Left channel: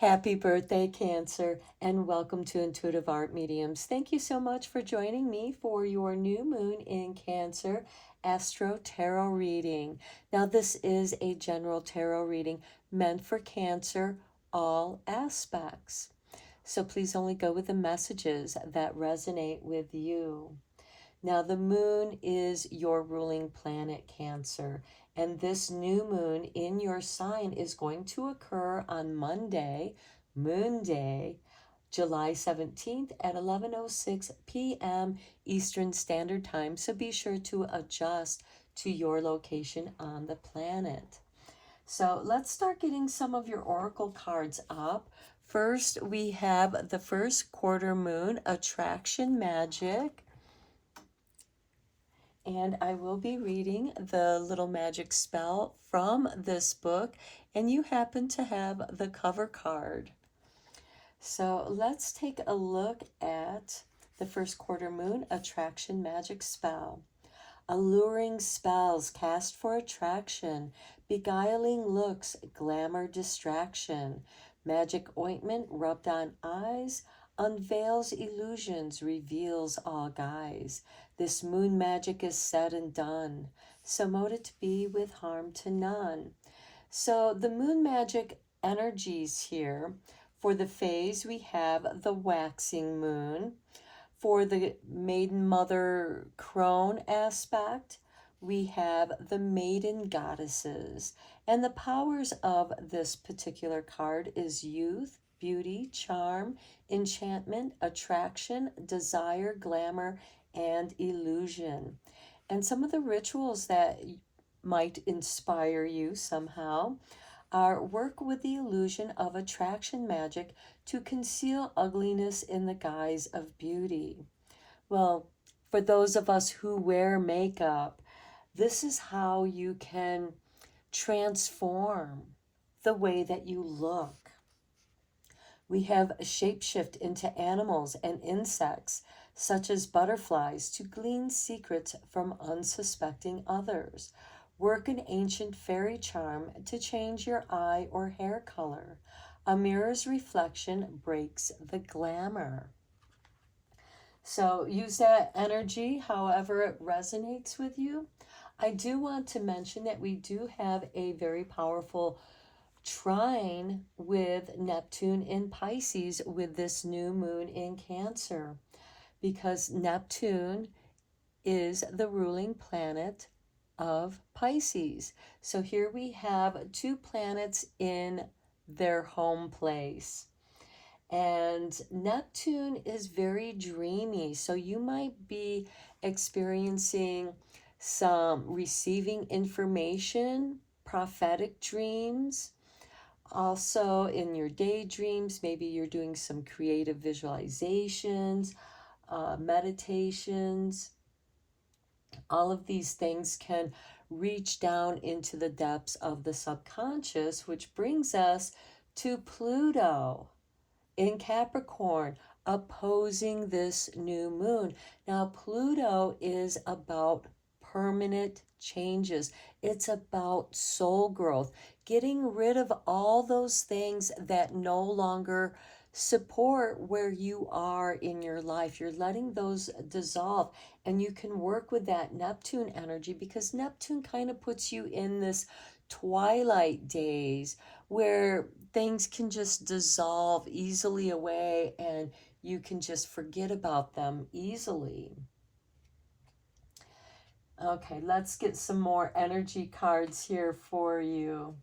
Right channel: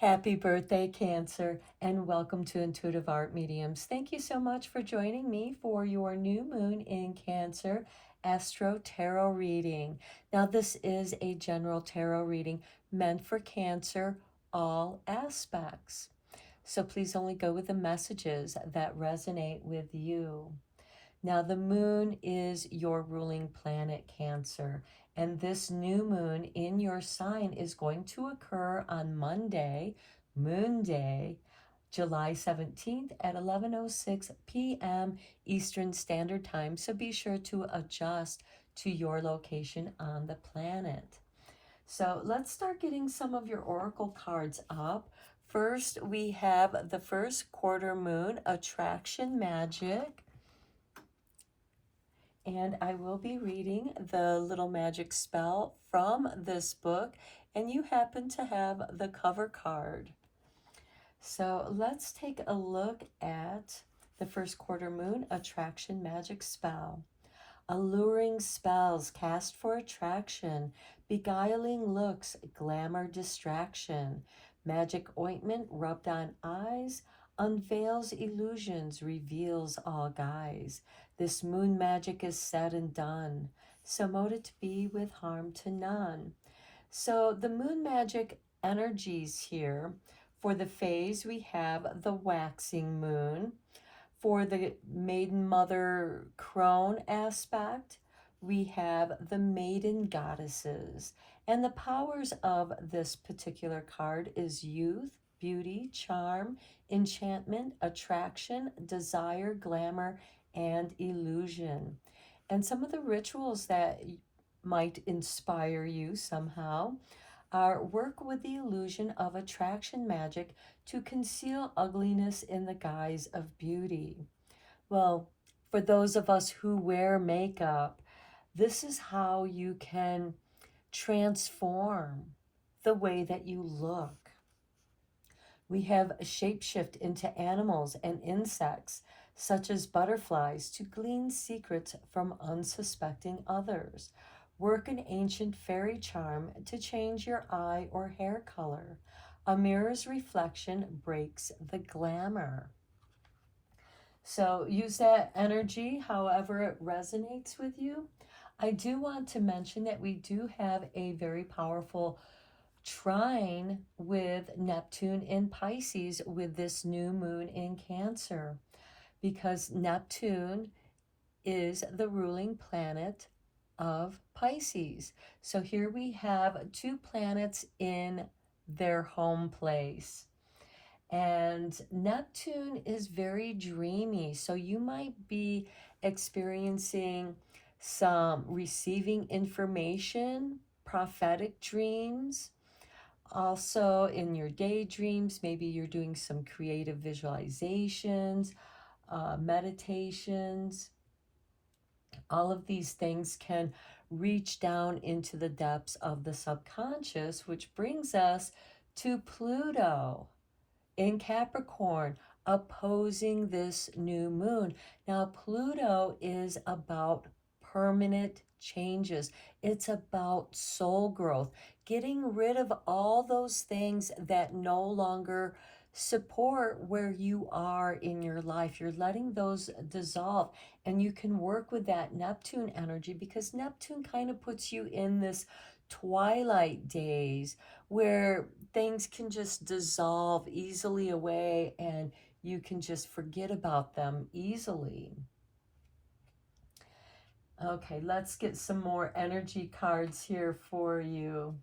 Happy birthday, Cancer, and welcome to Intuitive Art Mediums. Thank you so much for joining me for your new moon in Cancer Astro-Tarot reading. Now, this is a general tarot reading meant for Cancer, all aspects. So please only go with the messages that resonate with you. Now, the moon is your ruling planet, Cancer, and this new moon in your sign is going to occur on Monday, Moon Day, July 17th at 11:06 p.m. Eastern Standard Time. So be sure to adjust to your location on the planet. So let's start getting some of your oracle cards up. First, we have the first quarter moon, Attraction Magic. And I will be reading the little magic spell from this book, and you happen to have the cover card. So let's take a look at the first quarter moon attraction magic spell. Alluring spells cast for attraction, beguiling looks, glamour distraction, magic ointment rubbed on eyes, unveils illusions, reveals all guise. This moon magic is said and done, so mote it be with harm to none. So the moon magic energies here, for the phase we have the waxing moon. For the maiden mother crone aspect, we have the maiden goddesses. And the powers of this particular card is youth, beauty, charm, enchantment, attraction, desire, glamour, and illusion. And some of the rituals that might inspire you somehow are work with the illusion of attraction magic to conceal ugliness in the guise of beauty. Well, for those of us who wear makeup, this is how you can transform the way that you look. We have a shapeshift into animals and insects, such as butterflies, to glean secrets from unsuspecting others. Work an ancient fairy charm to change your eye or hair color. A mirror's reflection breaks the glamour. So use that energy however it resonates with you. I do want to mention that we do have a very powerful trine with Neptune in Pisces with this new moon in Cancer, because Neptune is the ruling planet of Pisces. So here we have two planets in their home place. And Neptune is very dreamy, so you might be experiencing some receiving information, prophetic dreams. Also, in your daydreams, maybe you're doing some creative visualizations, meditations. All of these things can reach down into the depths of the subconscious, which brings us to Pluto in Capricorn, opposing this new moon. Now, Pluto is about permanent changes. It's about soul growth, getting rid of all those things that no longer support where you are in your life. You're letting those dissolve, and you can work with that Neptune energy, because Neptune kind of puts you in this twilight days where things can just dissolve easily away and you can just forget about them easily. Okay, let's get some more energy cards here for you.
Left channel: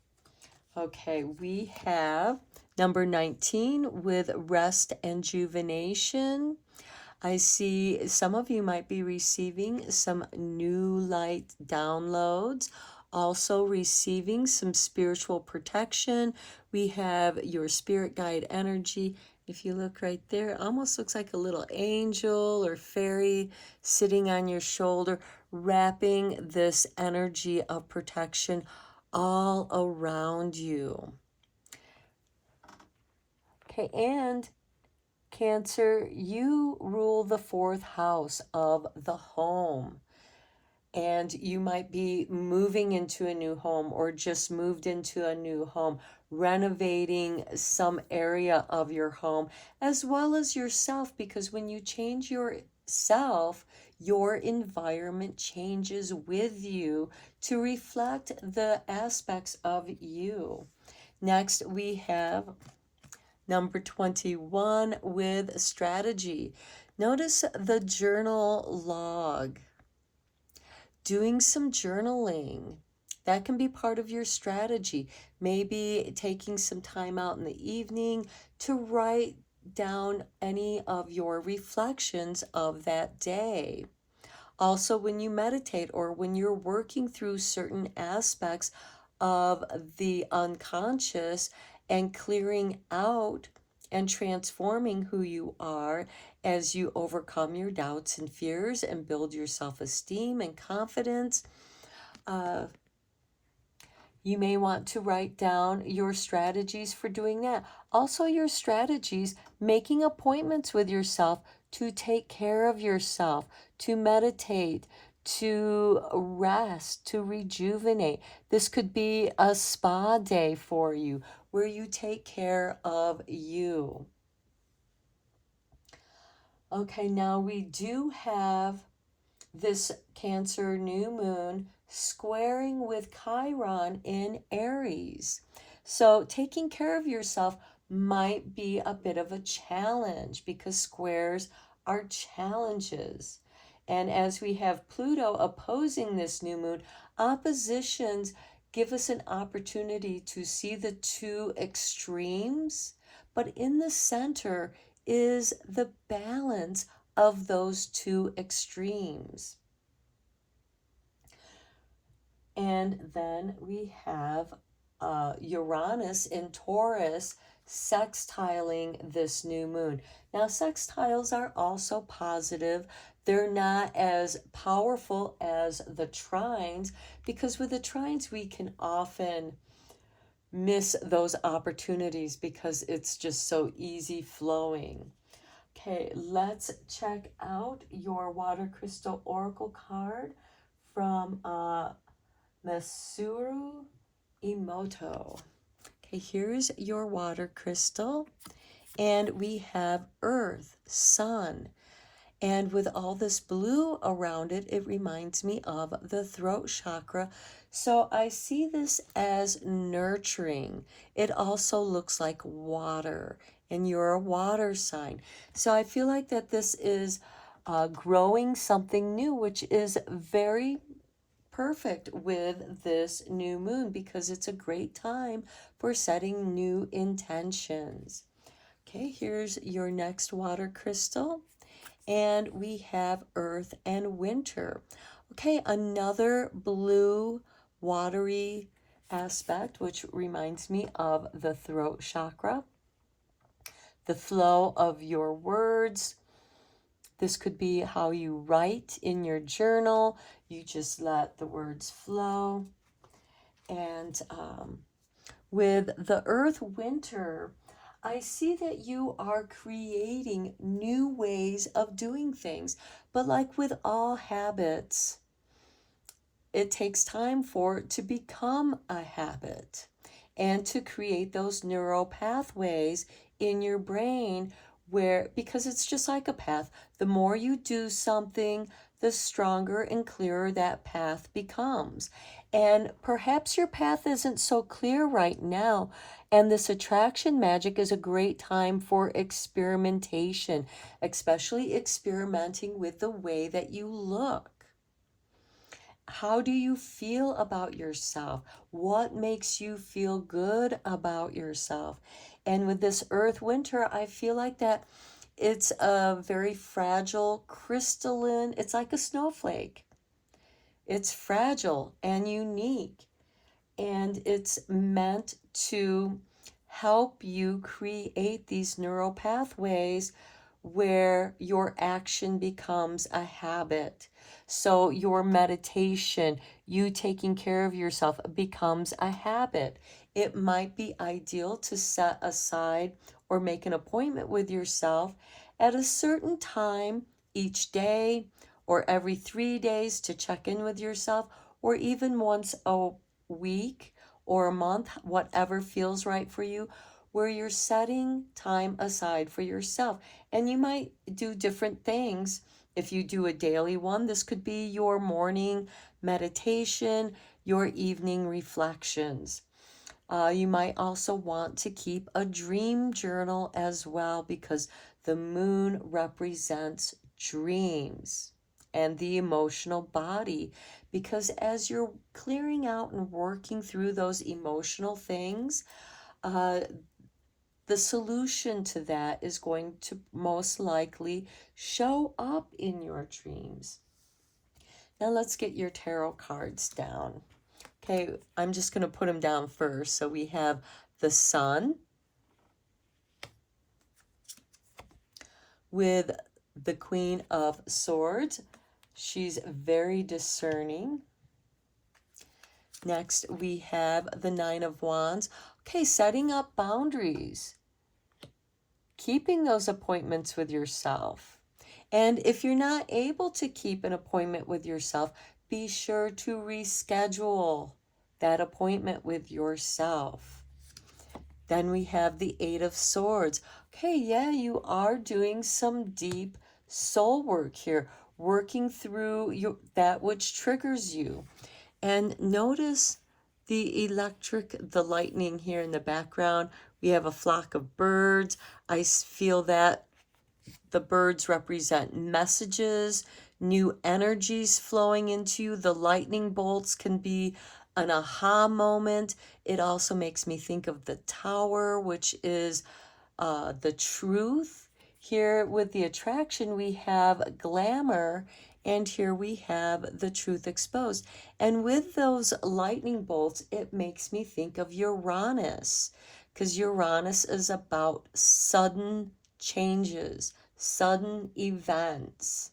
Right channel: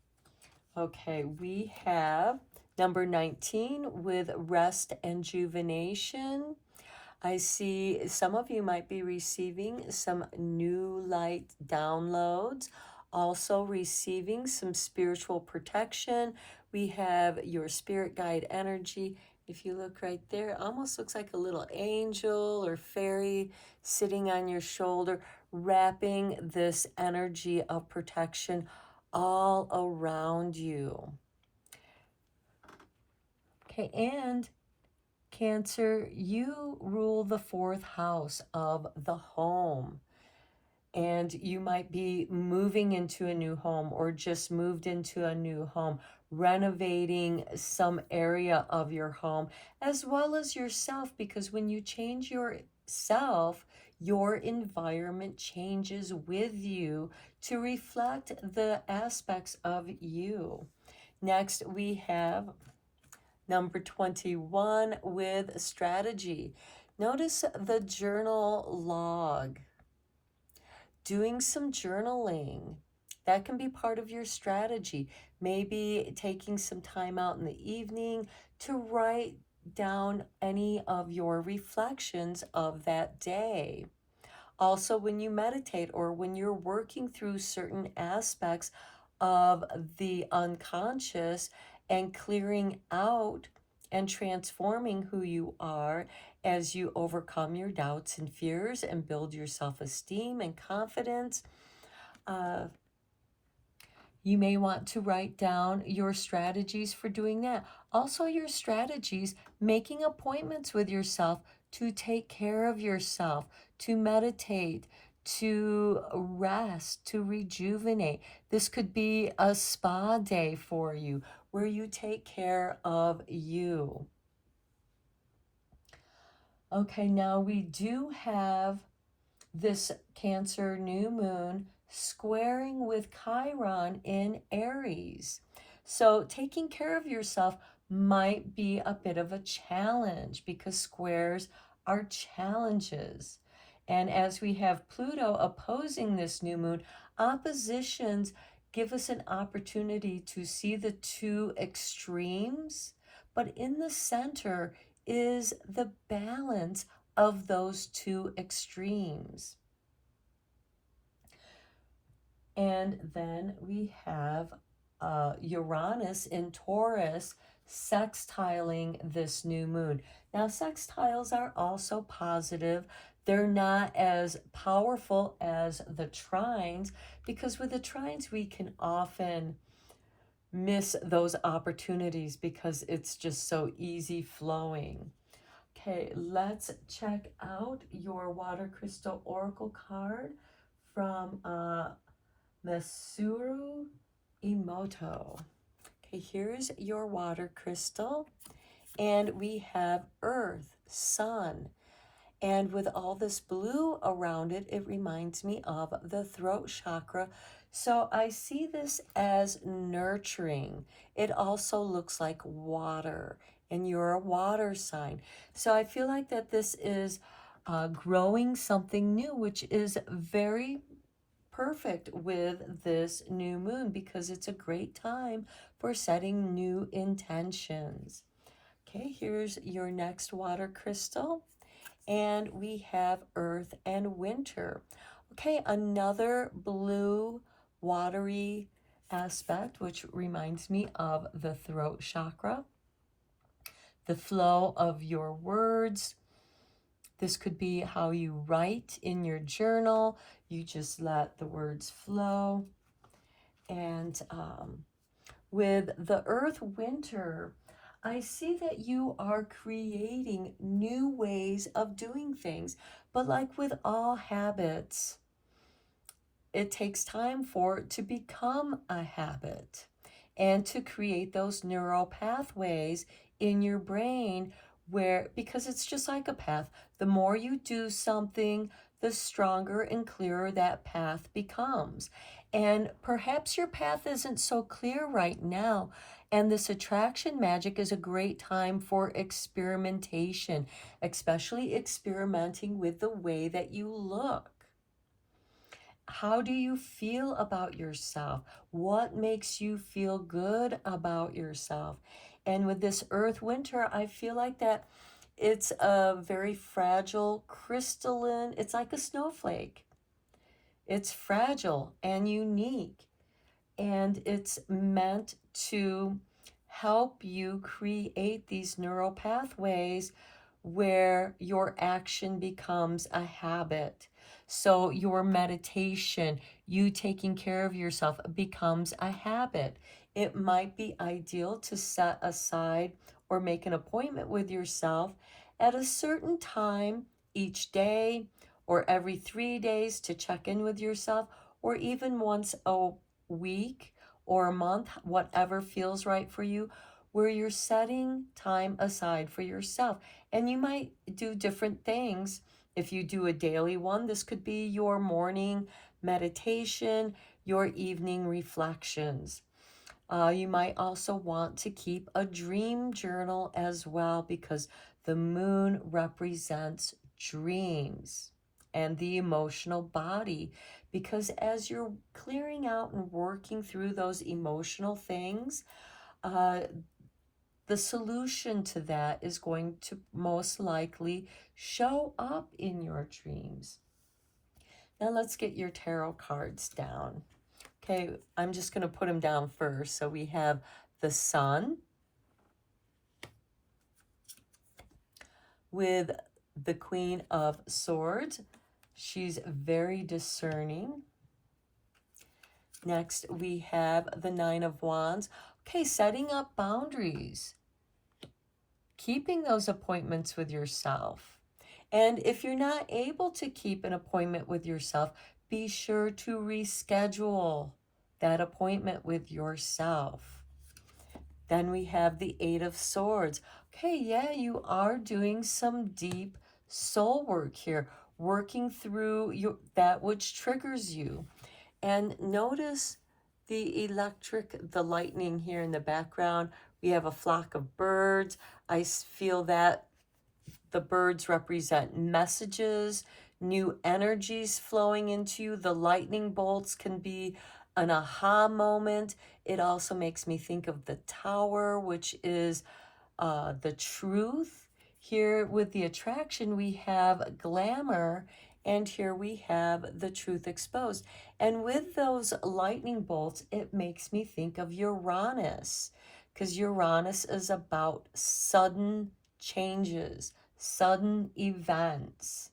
Okay, we have number 19 with rest and rejuvenation. I see some of you might be receiving some new light downloads, also receiving some spiritual protection. We have your spirit guide energy. If you look right there, it almost looks like a little angel or fairy sitting on your shoulder, wrapping this energy of protection all around you. Okay, and Cancer, you rule the fourth house of the home. and you might be moving into a new home or just moved into a new home, renovating some area of your home as well as yourself, because when you change yourself, your environment changes with you to reflect the aspects of you. Next, we have number 21 with strategy. Notice the journal log. Doing some journaling. That can be part of your strategy. Maybe taking some time out in the evening to write down any of your reflections of that day. Also, when you meditate or when you're working through certain aspects of the unconscious and clearing out and transforming who you are as you overcome your doubts and fears and build your self-esteem and confidence. Uh, you may want to write down your strategies for doing that. Also, your strategies, making appointments with yourself to take care of yourself, to meditate, to rest, to rejuvenate. This could be a spa day for you where you take care of you. Okay, now we do have this Cancer new moon squaring with Chiron in Aries. So taking care of yourself might be a bit of a challenge because squares are challenges. And as we have Pluto opposing this new moon, oppositions give us an opportunity to see the two extremes, but in the center is the balance of those two extremes. And then we have Uranus in Taurus sextiling this new moon. Now, sextiles are also positive. They're not as powerful as the trines, because with the trines we can often miss those opportunities because it's just so easy flowing. Okay, let's check out your water crystal oracle card from Masaru Emoto. Okay, here's your water crystal, and we have Earth, Sun, and with all this blue around it, it reminds me of the throat chakra. So I see this as nurturing. It also looks like water, and you're a water sign. So I feel like that this is growing something new, which is very perfect with this new moon because it's a great time for setting new intentions. Okay, here's your next water crystal, and we have Earth and Winter. Okay, another blue watery aspect, which reminds me of the throat chakra, the flow of your words. This could be how you write in your journal. You just let the words flow. And with the Earth Winter, I see that you are creating new ways of doing things. But like with all habits, it takes time for it to become a habit and to create those neural pathways in your brain where, because it's just like a path, the more you do something, the stronger and clearer that path becomes. And perhaps your path isn't so clear right now, and this attraction magic is a great time for experimentation, especially experimenting with the way that you look. How do you feel about yourself? What makes you feel good about yourself? And with this Earth Winter, I feel like that it's a very fragile, crystalline, it's like a snowflake. It's fragile and unique, and it's meant to help you create these neural pathways where your action becomes a habit. So your meditation, you taking care of yourself becomes a habit. It might be ideal to set aside or make an appointment with yourself at a certain time each day or every 3 days to check in with yourself, or even once a week or a month, whatever feels right for you, where you're setting time aside for yourself. And you might do different things. If you do a daily one, this could be your morning meditation, your evening reflections. You might also want to keep a dream journal as well, because the moon represents dreams and the emotional body. Because as you're clearing out and working through those emotional things, the solution to that is going to most likely show up in your dreams. Now let's get your tarot cards down. Okay, I'm just going to put them down first. So we have the Sun with the Queen of Swords. She's very discerning. Next, we have the Nine of Wands. Okay, setting up boundaries. Keeping those appointments with yourself. And if you're not able to keep an appointment with yourself, be sure to reschedule that appointment with yourself. Then we have the Eight of Swords. Okay, yeah, you are doing some deep soul work here, working through that which triggers you. And notice the lightning here in the background. We have a flock of birds. I feel that the birds represent messages, new energies flowing into you. The lightning bolts can be an aha moment. It also makes me think of the tower, which is the truth. Here with the attraction, we have glamour, and here we have the truth exposed. And with those lightning bolts, it makes me think of Uranus, because Uranus is about sudden changes, sudden events.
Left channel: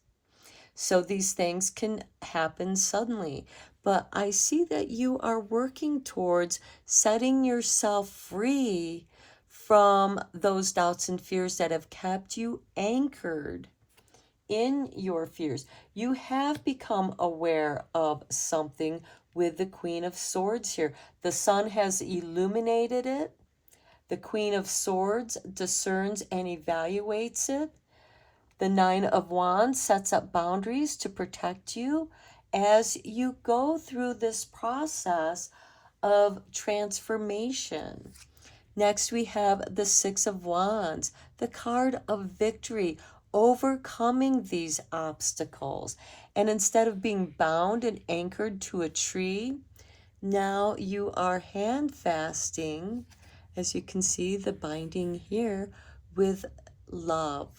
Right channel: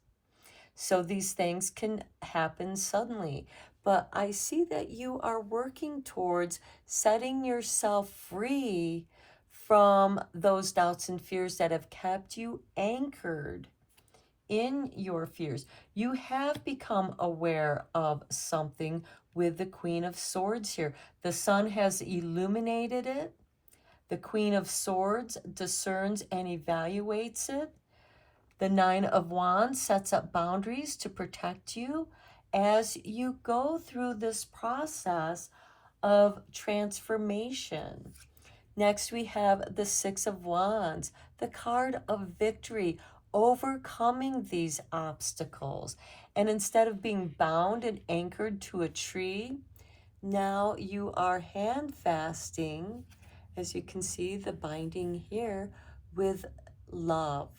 So these things can happen suddenly. But I see that you are working towards setting yourself free from those doubts and fears that have kept you anchored in your fears. You have become aware of something with the Queen of Swords here. The sun has illuminated it. The Queen of Swords discerns and evaluates it. The Nine of Wands sets up boundaries to protect you as you go through this process of transformation. Next, we have the Six of Wands, the card of victory, overcoming these obstacles. And instead of being bound and anchored to a tree, now you are hand fasting, as you can see the binding here, with love,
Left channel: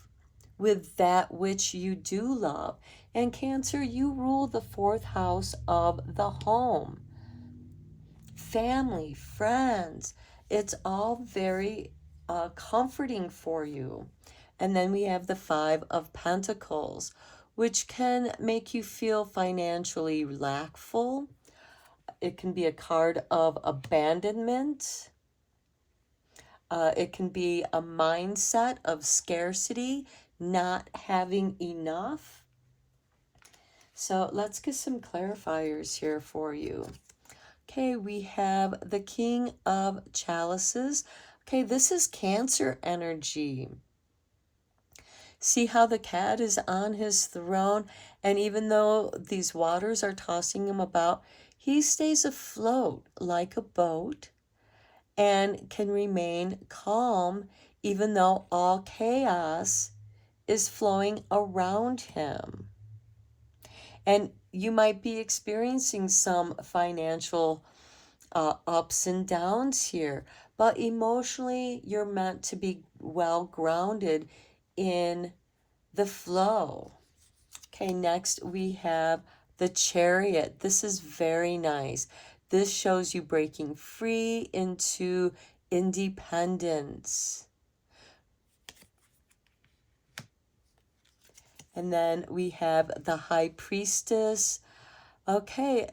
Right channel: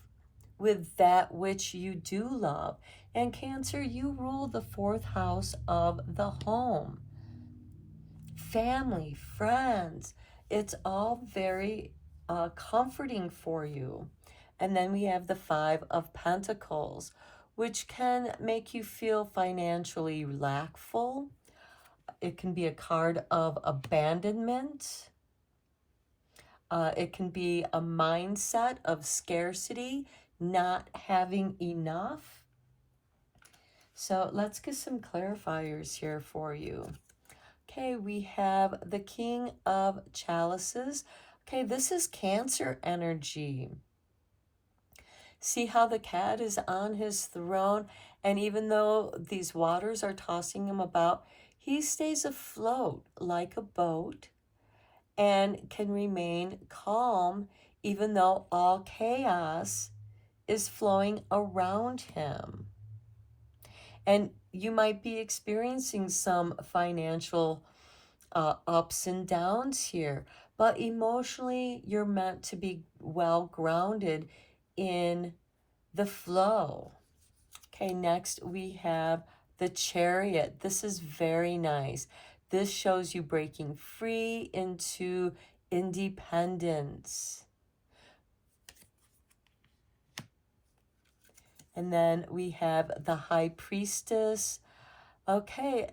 with that which you do love. And Cancer, you rule the fourth house of the home. Family, friends, it's all very comforting for you. And then we have the Five of Pentacles, which can make you feel financially lackful. It can be a card of abandonment. It can be a mindset of scarcity, not having enough. So let's get some clarifiers here for you. Okay, we have the King of Chalices. Okay, this is Cancer energy. See how the cat is on his throne, and even though these waters are tossing him about, he stays afloat like a boat and can remain calm even though all chaos is flowing around him. And you might be experiencing some financial ups and downs here, but emotionally you're meant to be well grounded in the flow. Okay, next we have the Chariot. This is very nice. This shows you breaking free into independence. And then we have the High Priestess. Okay,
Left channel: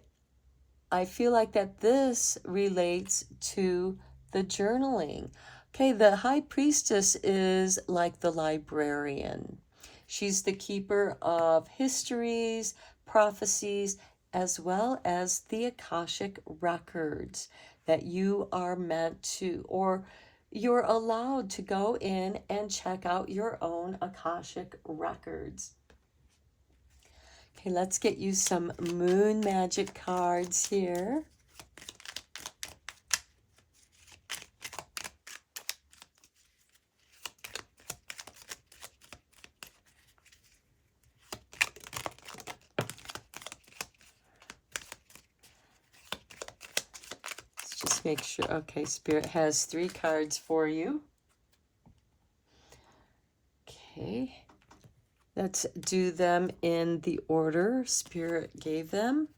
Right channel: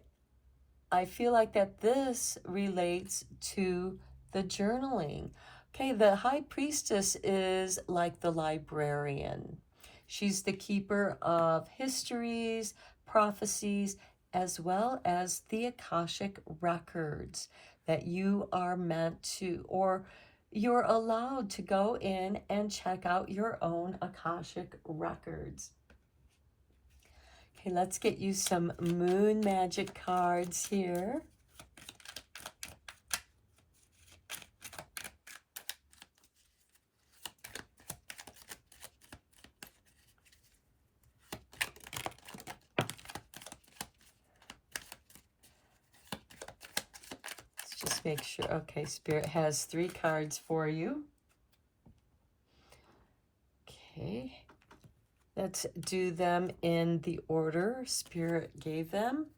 I feel like that this relates to the journaling. Okay, the High Priestess is like the librarian. She's the keeper of histories, prophecies, as well as the Akashic records that you are meant to, or you're allowed to go in and check out your own Akashic records. Okay, let's get you some moon magic cards here. Let's just make sure. Okay, Spirit has 3 cards for you. Okay. Let's do them in the order Spirit gave them.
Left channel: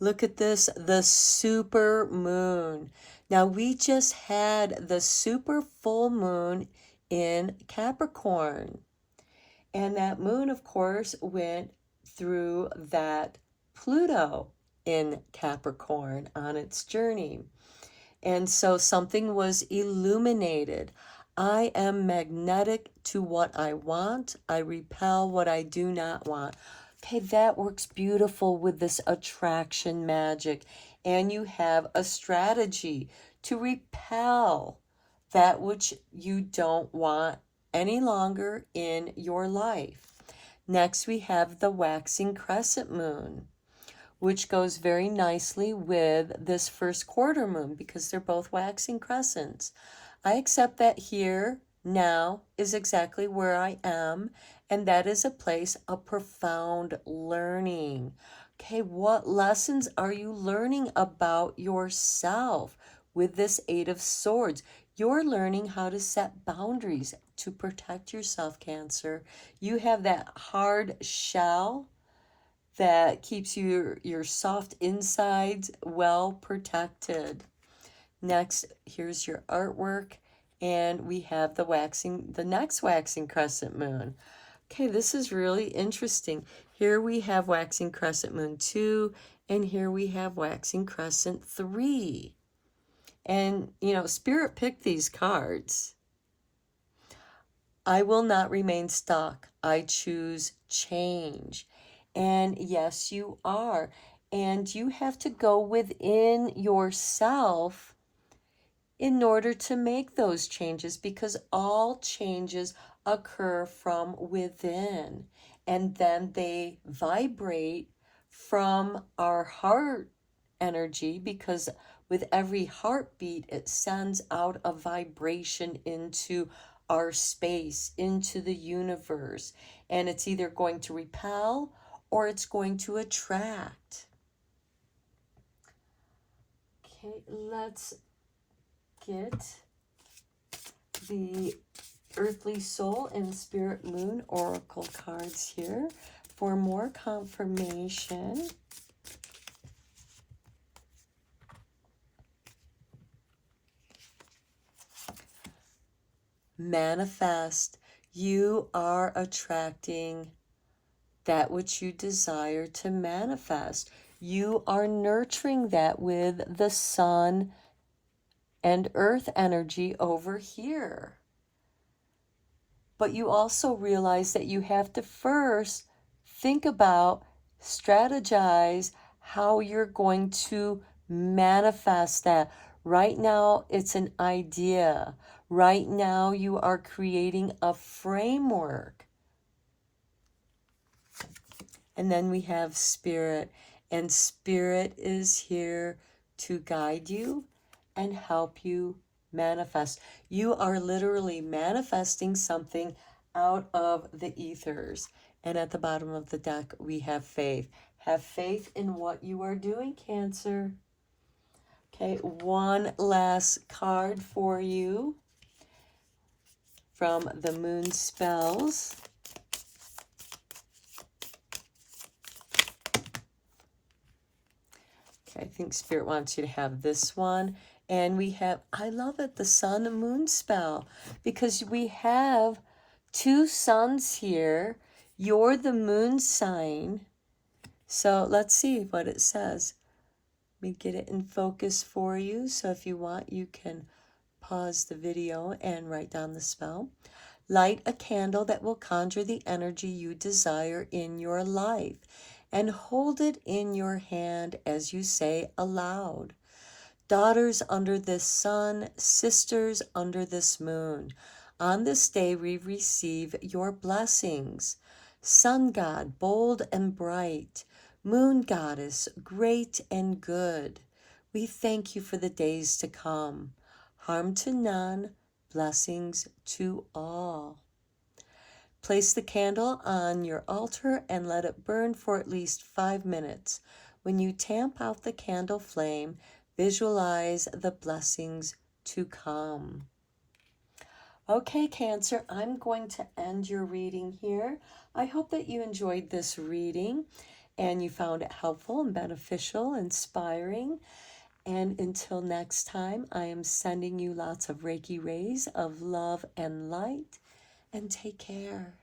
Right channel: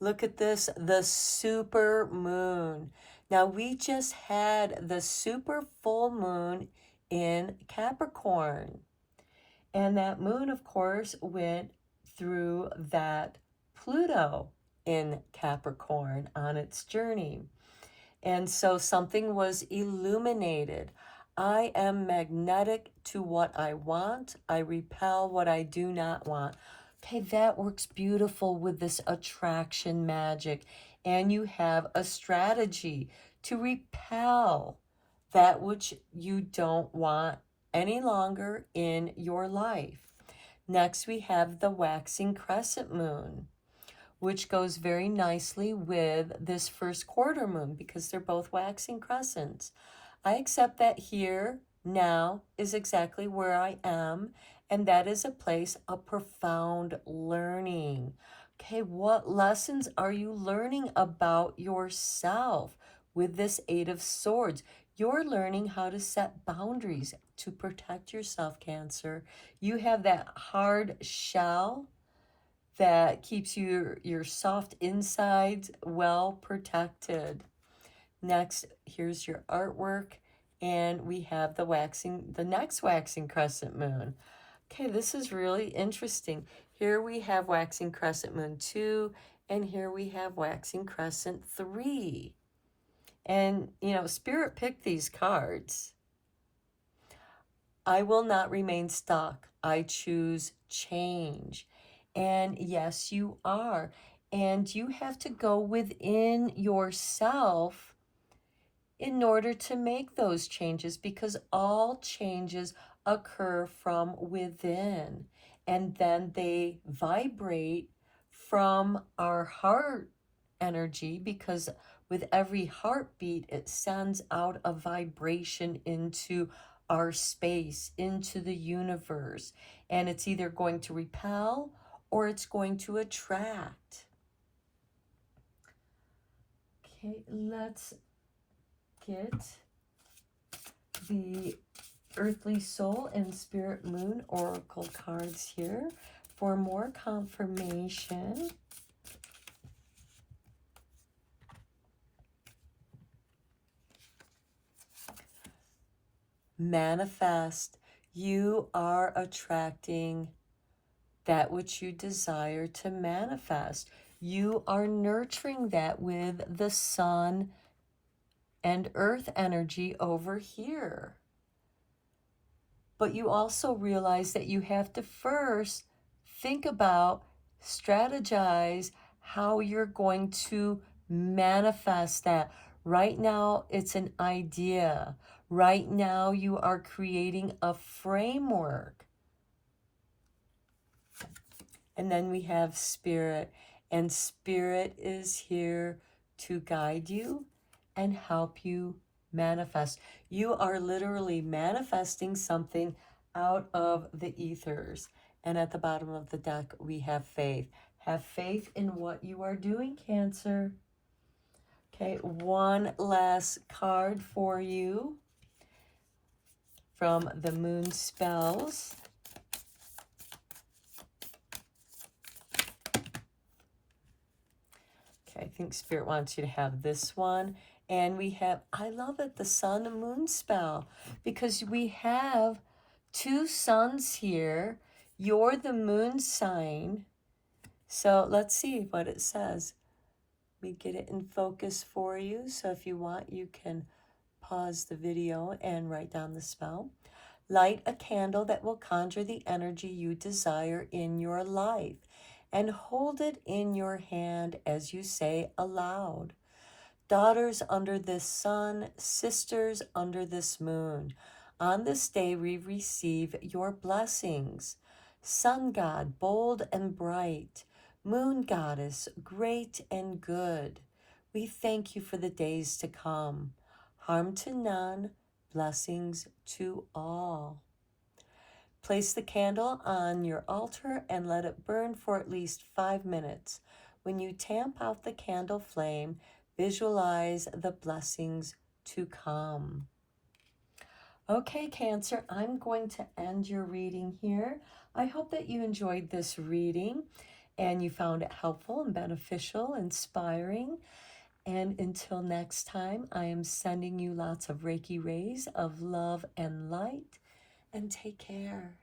Look at this, the super moon. Now, we just had the super full moon in Capricorn. And that moon, of course, went through that Pluto in Capricorn on its journey. And so something was illuminated. I am magnetic to what I want. I repel what I do not want. Okay, that works beautiful with this attraction magic. And you have a strategy to repel that which you don't want any longer in your life. Next, we have the waxing crescent moon, which goes very nicely with this first quarter moon because they're both waxing crescents. I accept that here, now, is exactly where I am, and that is a place of profound learning. Okay, what lessons are you learning about yourself with this 8 of Swords? You're learning how to set boundaries to protect yourself, Cancer. You have that hard shell that keeps your soft insides well protected. Next, here's your artwork, and we have the next waxing crescent moon. Okay, this is really interesting. Here we have waxing crescent moon 2, and here we have waxing crescent 3. And, you know, Spirit picked these cards. I will not remain stuck. I choose change. And yes, you are. And you have to go within yourself in order to make those changes, because all changes occur from within. And then they vibrate from our heart energy, because with every heartbeat, it sends out a vibration into our space, into the universe. And it's either going to repel or it's going to attract. Okay, let's get the Earthly Soul and Spirit Moon Oracle cards here for more confirmation. Manifest. You are attracting that which you desire to manifest. You are nurturing that with the sun and earth energy over here. But you also realize that you have to first think about, strategize how you're going to manifest that. Right now, it's an idea. Right now, you are creating a framework. And then we have Spirit. And Spirit is here to guide you and help you manifest. You are literally manifesting something out of the ethers. And at the bottom of the deck, we have faith. Have faith in what you are doing, Cancer. Okay, one last card for you from the Moon Spells. Okay, I think Spirit wants you to have this one. And we have, I love it, the Sun and Moon spell, because we have 2 suns here. You're the moon sign. So let's see what it says. Let me get it in focus for you. So if you want, you can pause the video and write down the spell. Light a candle that will conjure the energy you desire in your life and hold it in your hand as you say aloud. Daughters under this sun, sisters under this moon, on this day we receive your blessings. Sun God, bold and bright, moon goddess, great and good, we thank you for the days to come. Harm to none, blessings to all. Place the candle on your altar and let it burn for at least 5 minutes. When you tamp out the candle flame, visualize the blessings to come. Okay, Cancer, I'm going to end your reading here. I hope that you enjoyed this reading and you found it helpful and beneficial, inspiring. And until next time, I am sending you lots of Reiki rays of love and light. And take care.